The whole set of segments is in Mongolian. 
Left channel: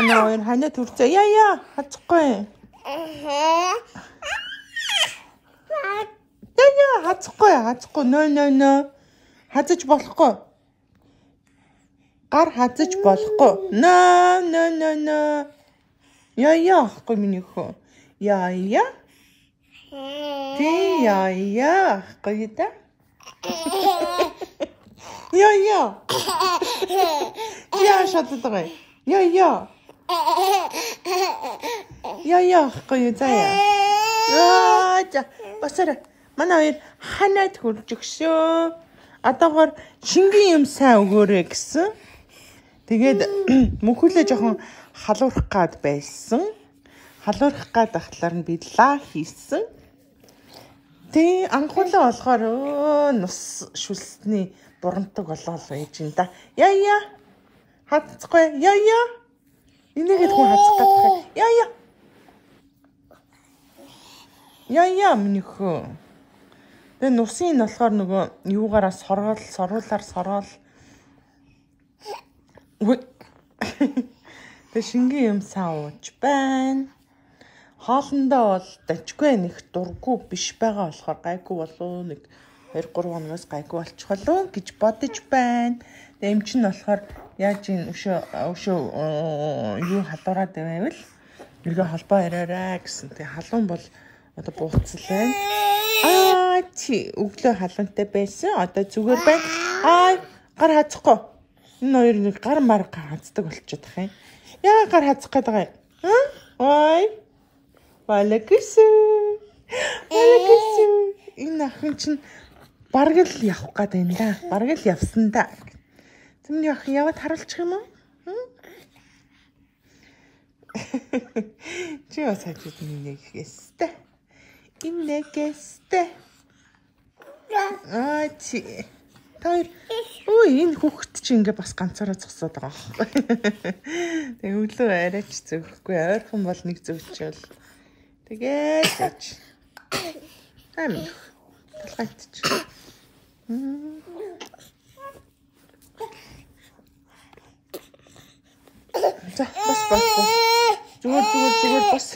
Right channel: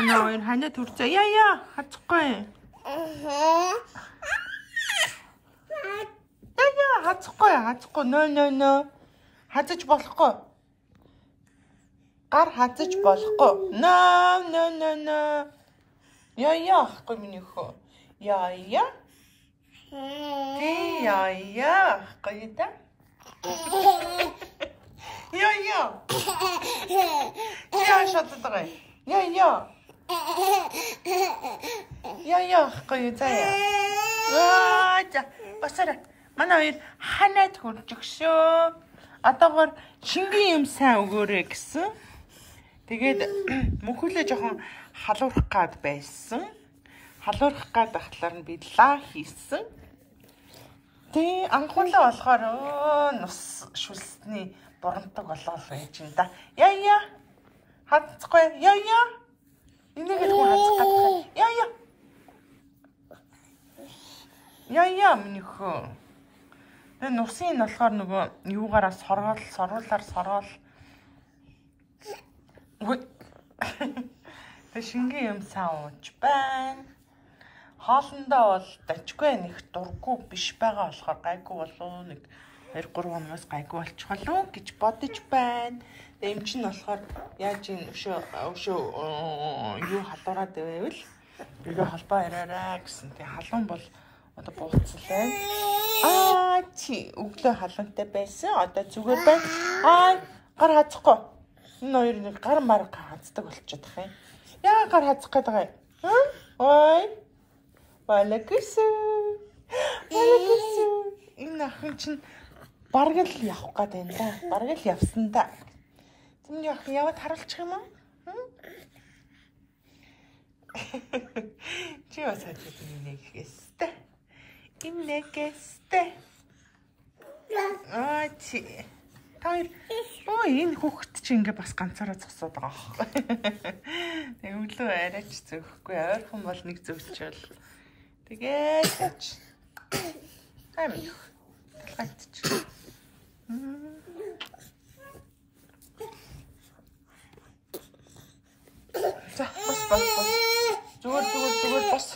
Манай ханаа төрцөө. Яа, хацхгүй. Яа, хацхгүй. Нөө. Хазаж болохгүй. Гар хазаж болохгүй. Нөө. Яа, ахгүй миний хөө. Яа. Тий, яа, ахгүй та. Яа. Яа, шатдаг. Яа. Яа, ахгүй заяа. За, басара. Манай ханаад хурж өгшөө. Одоогоор шингийн юм сайн өгөөрэй гэсэн. Тэгээд мөнхөлөө жоохон халуурах гад байсан. Халуурах гад ахлаар нь би лаа хийсэн. Тэг анхуулаа болохоор нус шүлсний бурандаг болоод байж ин да. Яа. Хацхгүй. Яа. Энийг л хацдаг. Яа миний хөө. Тэгээ нусын нь болохоор нөгөө юугаараа соргуулаар. Тэгээ шингийн юм саууч байна. Хоолндоо бол дажгүй нэг дурггүй биш байгаа болохоор гайгүй болоо нэг 2-3 хоногоос гайгүй болчихлоо гэж бодож байна. Тэгээ юм чинь болохоор яаж ин өшөө юу халуураад байвал нөгөө холбоо яриараа гэсэн. Тэгээ халуун бол одоо бууцлаа. Чи өглөө халуунтай байсан. Одоо зүгээр байна. Гар хазахгүй. Энэ хоёр нэг гар мар хаздаг болчиход байгаа юм. Яа гар хазах гээд байгаа юм. Балаксэн. Энэ охин чинь бараг л явах гээд байна да. Бараг л явсан да. Зэмний охин яваад харуулчих юм уу? Чи бас хажууд нэгээс. Инээгээстэй. Чи. Таар. Энэ хүүхэд чи ингээ бас ганцаараа зогсоод байгаа байхгүй. Тэгээ өглөө арайч зөвхгүй. Ойрхон бол нэг зөвлчөөл. Тэгээд ач. Ами. Атч. За, бас. Зүгээр бас.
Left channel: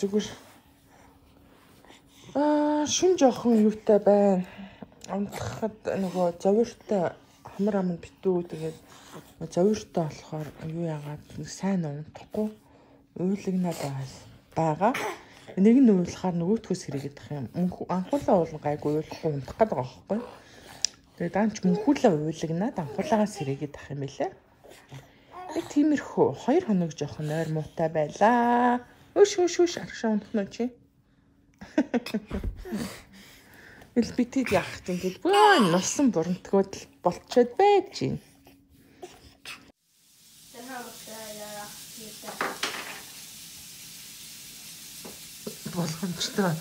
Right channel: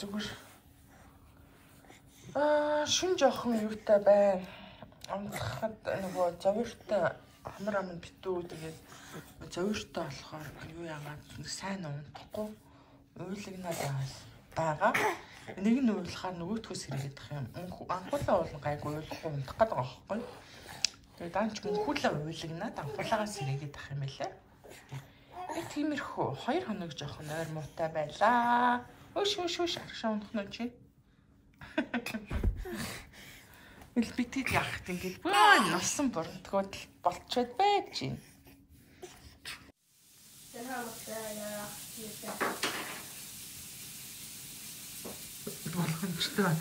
Зүгээр. Шин жоохон юутай байна. Амтхад нөгөө завиртай хамар аман битүү тэгээд завиртай болохоор юу яагаад сайн унтахгүй уйлгнаад байгаа. Нэг нь уйлахаар нөгөөдхөөс хэрэгэдэх юм. Анхуулаа уулын гайгүй уйлахгүй унтах гэдэг байгаа байхгүй. Тэгээд даанч мөнхүүлээ уйлгнаад анхуулаагаас хэрэгэдэх юм билээ. Тиймэрхүү 2 хоног жоохон ойр муутай байлаа. Өш аршаа унтнаа чи. Ил битээд яахт ингээд носон бурантгууд болчиход байж гин. Болгоомжтой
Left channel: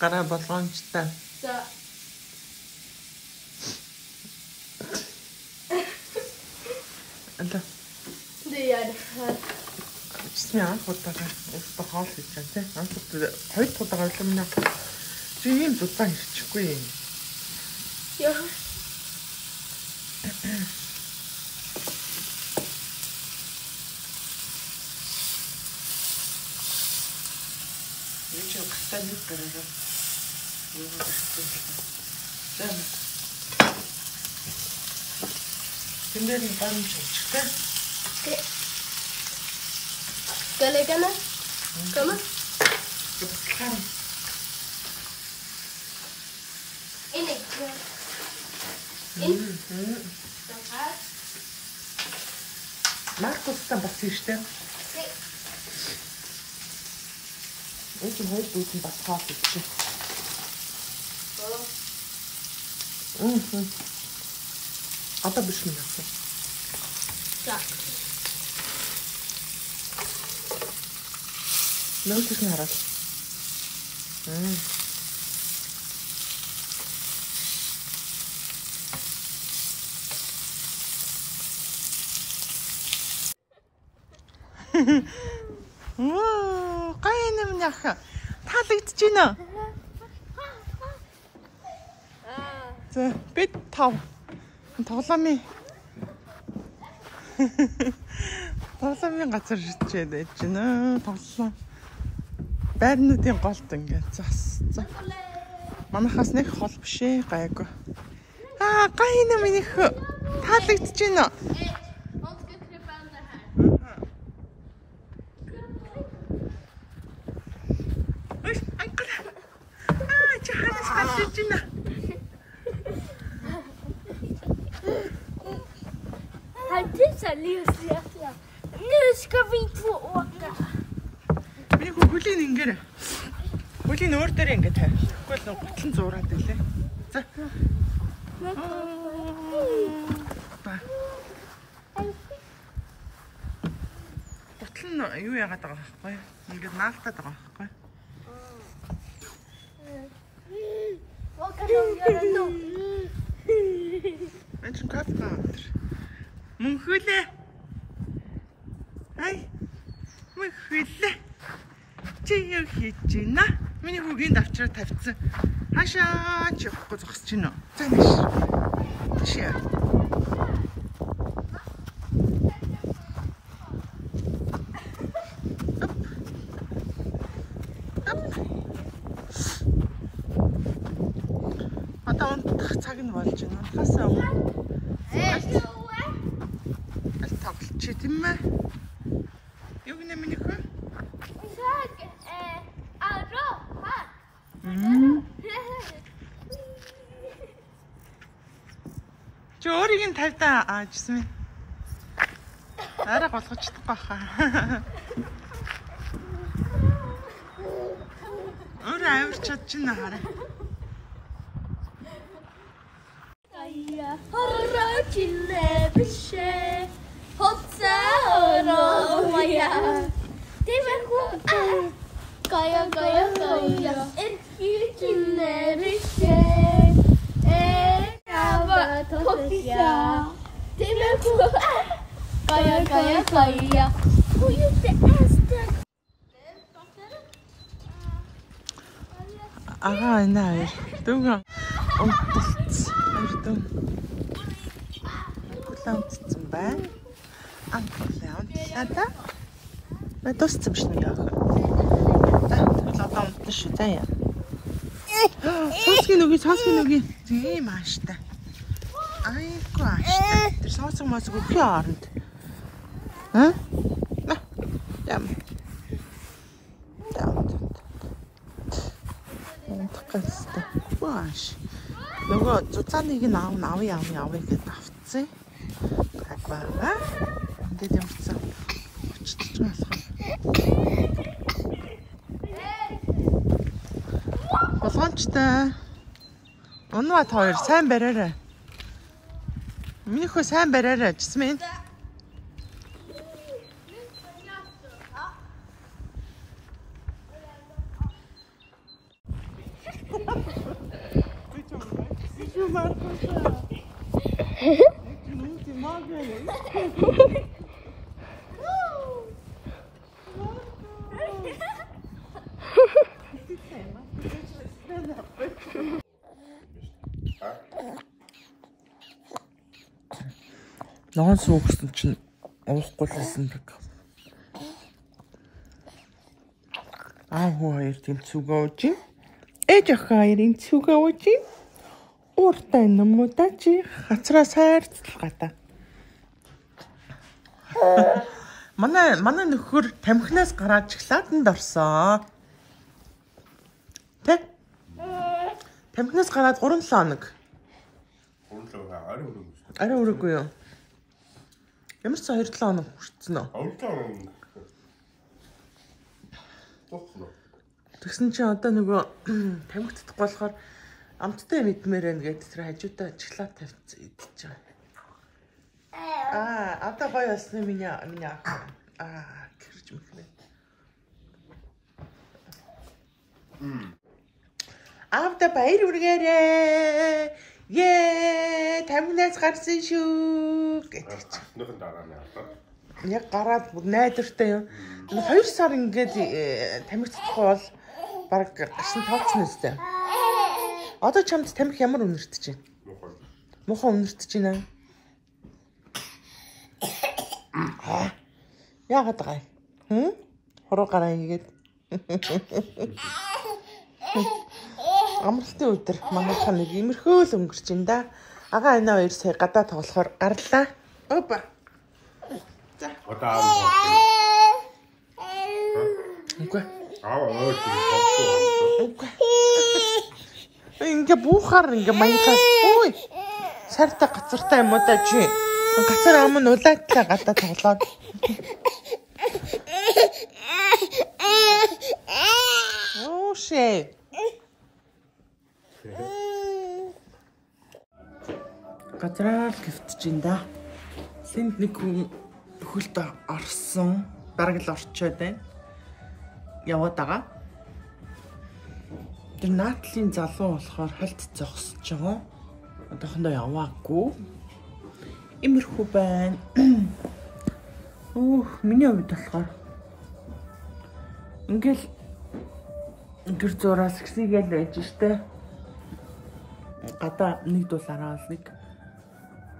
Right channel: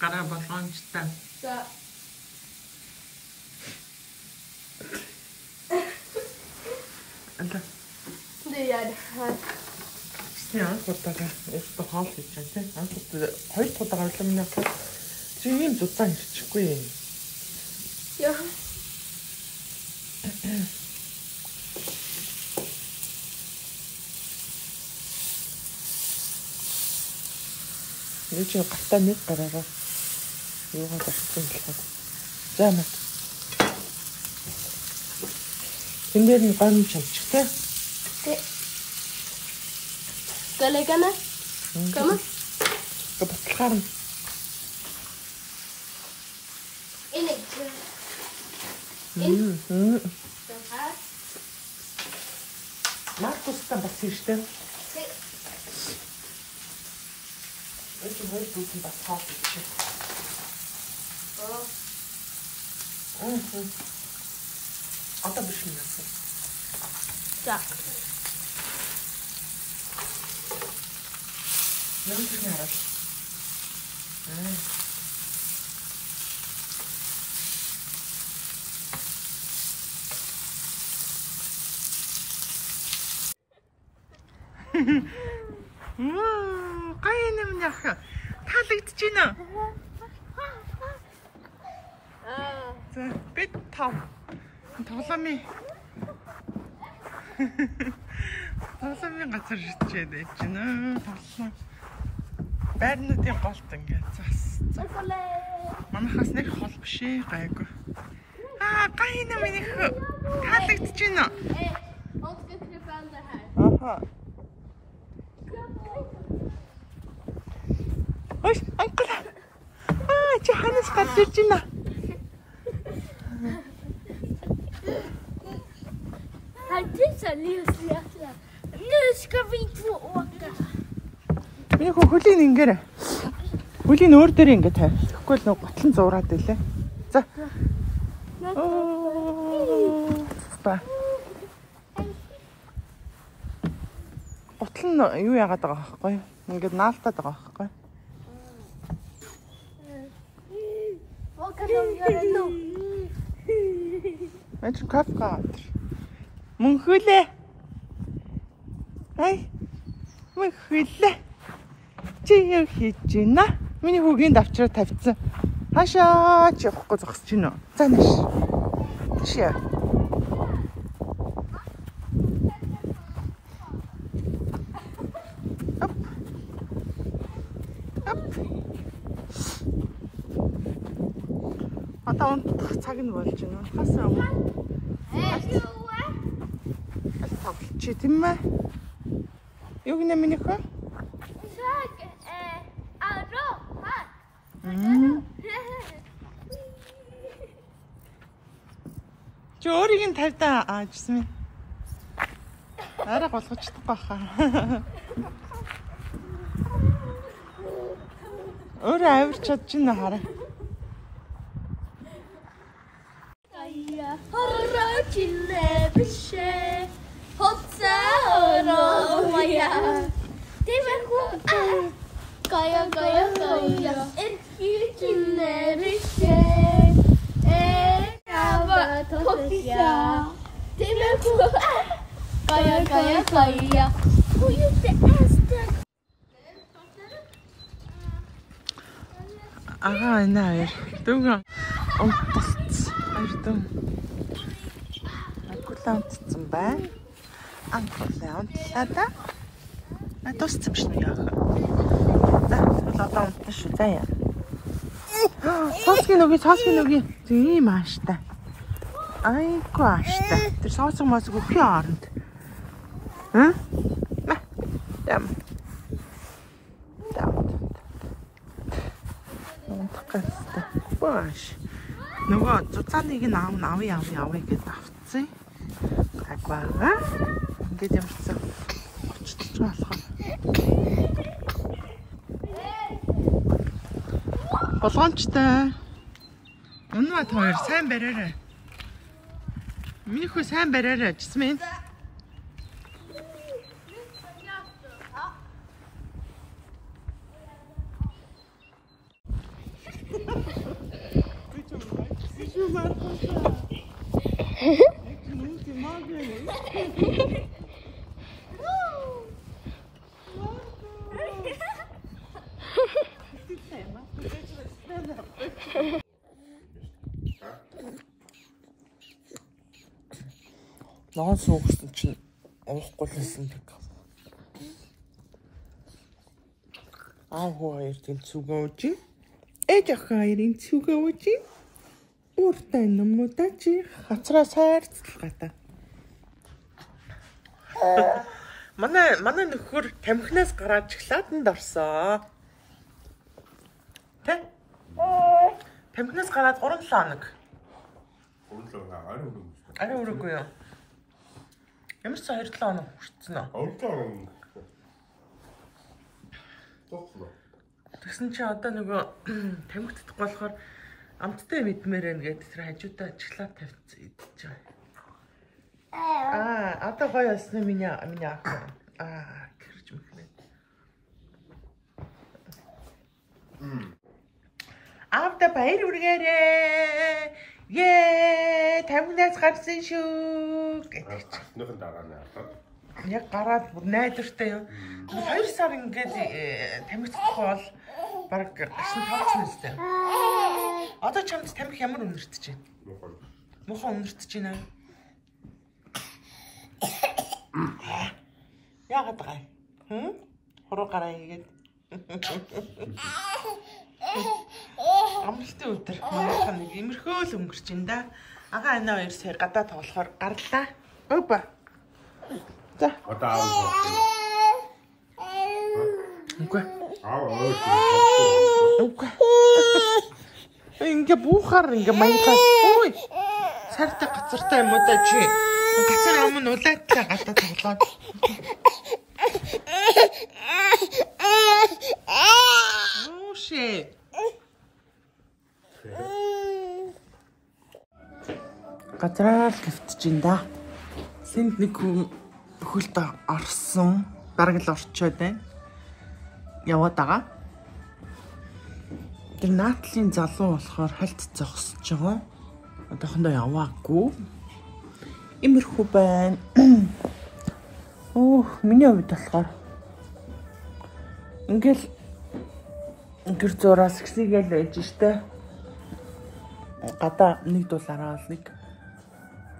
гараа болгоомжтой. За. Анда. Яа. Яа, хотоога өөртөө хоол хийж байгаа тийм. Анхд 2 удаа ойлмна. Чи ийм зузаан ирчихгүй юм. Яа. Юу ч гатаа нэг гараа. Юу гатаа юм. За нэг. Тэндэр нь ган чамчтай. Галэгана? Кама? Капацхарм. Элэг. Маркус там басиштэй. Эцэг хөөд басгаа чи. Одоо биш юм. За. Нөөцөөр хараад. Гай юм яах. Таалагдж байна. За, бит тав. Тоглоомын газар ирчээд байж гинэ. Тоглоом. Байрнуудын голд ингээд зас. Манайхаас нэг хол биш ээ, гайгүй. Гайна минийх таалагдж байна. Ой, анкл. Johannes gaat doen. Het is een nieuw slecht. Nu ska vi två åka. Би хөлийн ингээд хөлийн өөр дээр ингээд тавь. Тэгэхгүй л готлон зураад байлаа. За. Ба. Готлон юу яагаад байгаа байхгүй? Ингээд наалтаад байгаа байхгүй? Vad kan de göra då? Men som kaffe. Mun hylä. Ai. Mun hylä. Чи хийчихнэ. Миний хүүгийн давчраа тавьчихсан. Хашаа ч явахгүй зогсож гинөө. За маш. Чи яа. Одоо унтах цаг нь болж байна. Унтахаасаа өмнө. Тоглож тийм ээ. Юу гэнэ миний хөө? Чи өөрийг нь тавьдаа аажсан юм. Арай голгож чадахгүй хаа. Өөрөө авирч чадчихна хараа. Hurra kille bishe hotsa roya Demeku kaya kille bishe ava totya Demeku kaya who used to ask them Nee, doe gaan. Айдуу. Акулаунтсан бай. Анкулаунтада. Мэдээч биш нэ яах. За, тэгвэл одоо унтна шүү заяа. Цоцгийн үгүй. Тийм ааштай. Айгүй ааштай. Тэр соосог мосог өхийн оронд. Ям. Унтахгүйтэй. Бааш. Нөгөө цуцааныг нь авъя гэж авцсан. Гайваа. Ингээд юмцсан. Очиж болохоор. Болгоомжтой. Унаа та хоёр сайн бариарай. Миний хөө сайн бариарай. Жисмэн. Ногоон суугсан чинь уухгүй гэх. Хоёр тэмцүүгээ ууж. Ээж ахаарын цүгээ ууж. Ууртай нөмөдөө чи хацраа сайрцлах гадаа. Манай нөхөр тамхинаас гараад шоколаданд орсон. Тэ? Тамхинаас гараад 3-7 хоног. 3-7 хоног арай өрөөгүй юу? Ямар ч 2-7 хоног хүрсэн үү? 2-7 хоног. Тоцно. Тэгсэн чи одоо нөгөө тамхи татахгүй болохоор амттай мэдмээр байна гэдэг тэр хажуудаа шоколад тавьчихсан идэж байгаа. Одоо гоё болсны миний ах. Гэрж мөхнэ. Авда баяр үргээрээ. Тамхинаас гарсан шүү гэдэг чи. Нөхөн дараа нь аваад. Яг гараад бүр найдвартай юм. 2 сар ингээд тамхи татахгүй бол баг гашин тооцсон үстэй. Одоо чамд тамхи ямар үнэртэж байна? Мухан өнөртөж байна. Яагаад гай? Хороо гараа игээд. Амралтын өдөр манайхан нэг имерхөө л өнгөрч байна да. Ага энэ хоёр сая гадаа тоглохоор гарлаа. Опа. За. Одоо аав. Үгүй. Үгүй. Ингээ буухаар ингээ маягаар. Ой. Сарта гацартай юм уу да чи? Гацар ам нь улаатлаа гадаа тоглоод. Оо шээ. Гадраа гифтж ин да. Сэнд нэг хөлт орсон. Бараг л орчоод байна. Яваад байгаа. Тэр наатлын залуу болохоор хальт зогсож байгаа. Одоохондоо яваагүй. Имерхүү байна. Миний хувьд болохоор ингээл гэр зураас гисгээл байж штэ. Гадаа нэг дуулаараа л нэг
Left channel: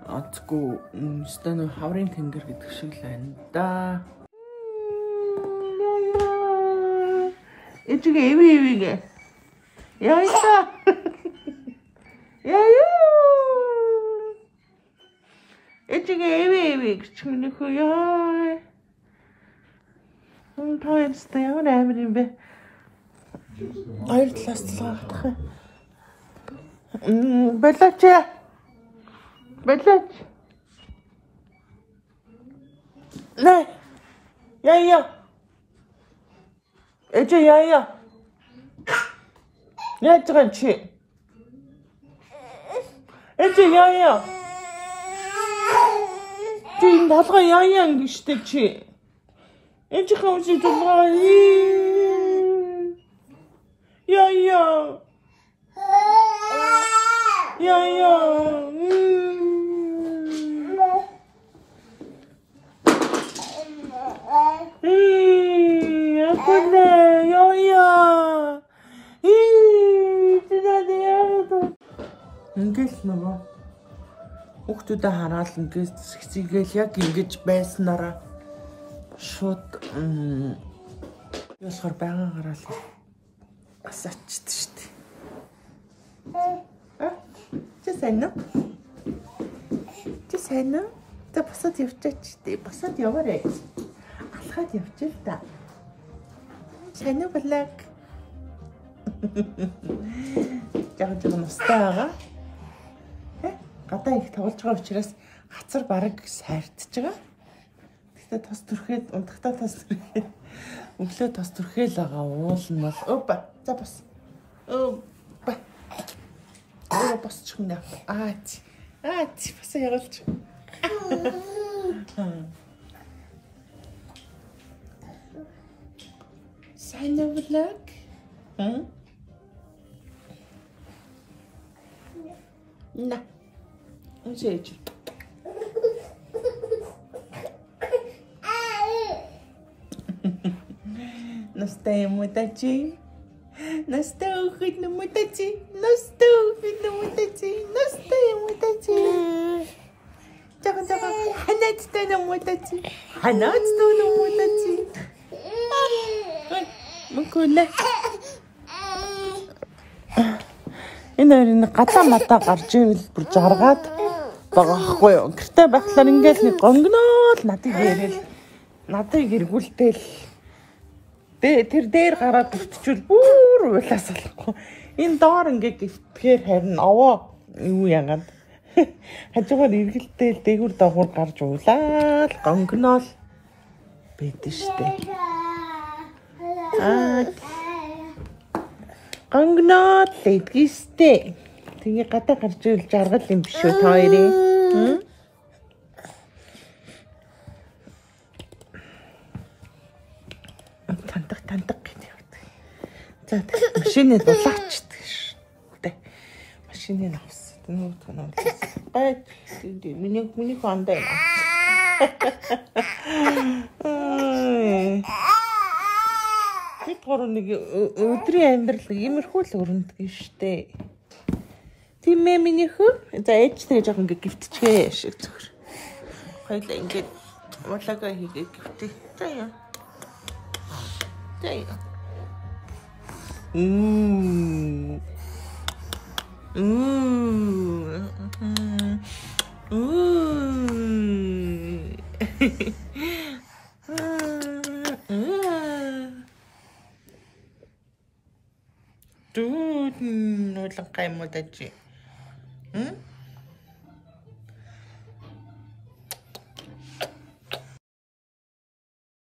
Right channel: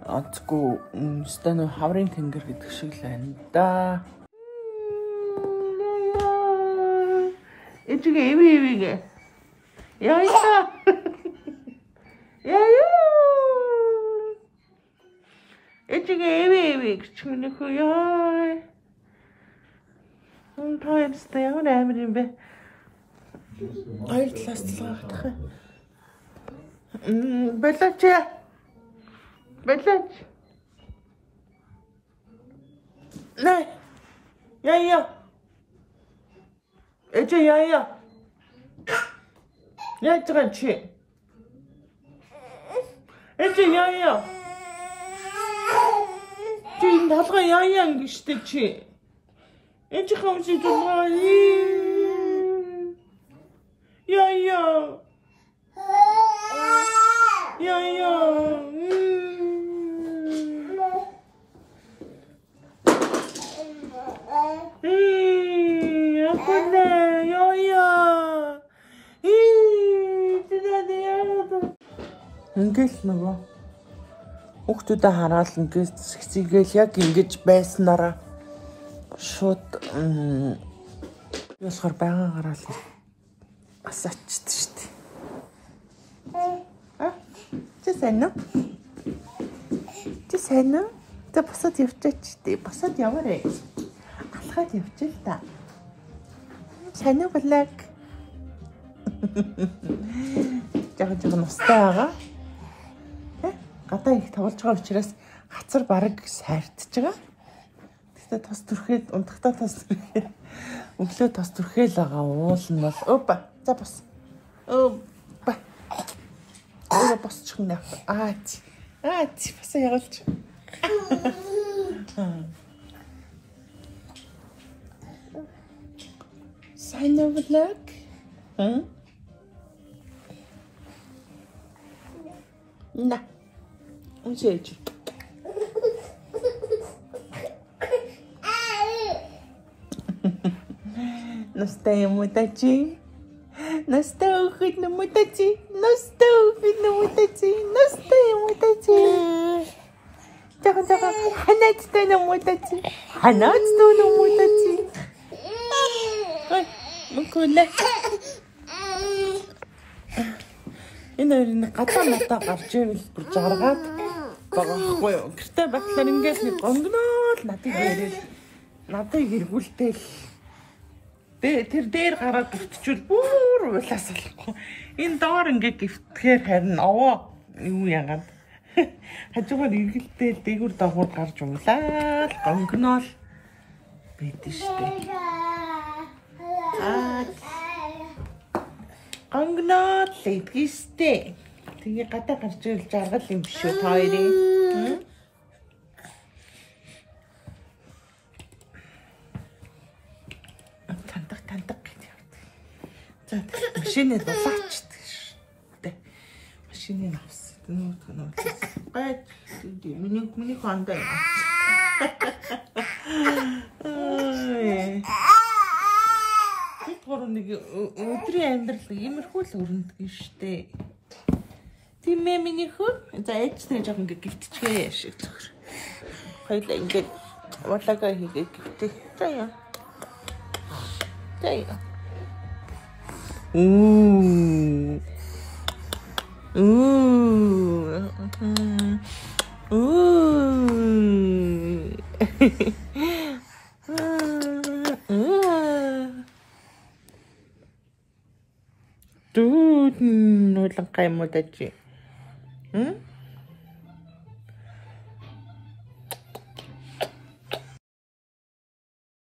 онцгүй станы хаврын тэнгэр гэдэг шиг л байна да. Эцгээ эвээ. Яа. Яа. Эцгээ эвээ гэж минийхөө яа. Таянстай ямар амир юм бэ? Хоёр талаас талгаах. Балаач. Nej. Ja. Эцэг яа. Я трачи. Эцэг яа. Ти толгой яа гэжтэй чи. Эцэг хөөс толгой. Яа. Ингээл нөгөө хүүхдүүдэд хараад ингээд сэгцгээл яг ингэж байснараа шууд юусгаар байгаагаараа л асаачд шүү дээ. Чи сайн уу? Тэ босоод явчих дээ. Босоод яваарай. Алхаад явчих та. Сайн уу блэг? Яг настай байгаа. Гадаа их тоглож байгаа учраас хацар бараг сайртж байгаа. Гэхдээ тос төрхээд унтахтаа тос төрхээ. Өглөө тос төрхөөл байгаа уулын бол опа. За бас. Опа. Босчих нэ. Бас явуулж. Сайн уу блэг? На. Уншиж. Настая мутачи. Настая мутачи. Тага. Ханаацтай мутачи. Ой, мукулэ. Энэ гадаа матаа гарч ивэл бүр жаргаад байгаа хгүй юу. Гэртээ байхлаар ингээд нэг гонгноо л надыг эргүүлтэл тэр дээр гараад гівтчүүл бүр уулаас болохгүй. Энэ доор ингээд гівтгэхээр харин овоо юу яагаад хажуугаар эргэлтэл дээгүр дагуур гарч уулаад гонгноо л байдэн штэ. Гонгноо л эдгэстэй. Тэгээ гадаа гарч ивэл жаргал юм биш үү та хоёрын? Тантак гэдэг. За машины дулаачдаг шүү дээ. Машины авсан. Нүгт гай миний хондоо юм. Бид гурав нэг өдрийн амьдрал иймэрхүү л өрнөдөг шүү дээ. Тийм ээ миний хүү. За ээж нэр жоохон гівтчихээ шиг зүгээр. Хоёлаа ингээд валага хийгээ гівтээ. За яа. За яа. Dude, no lang kayo mo dati.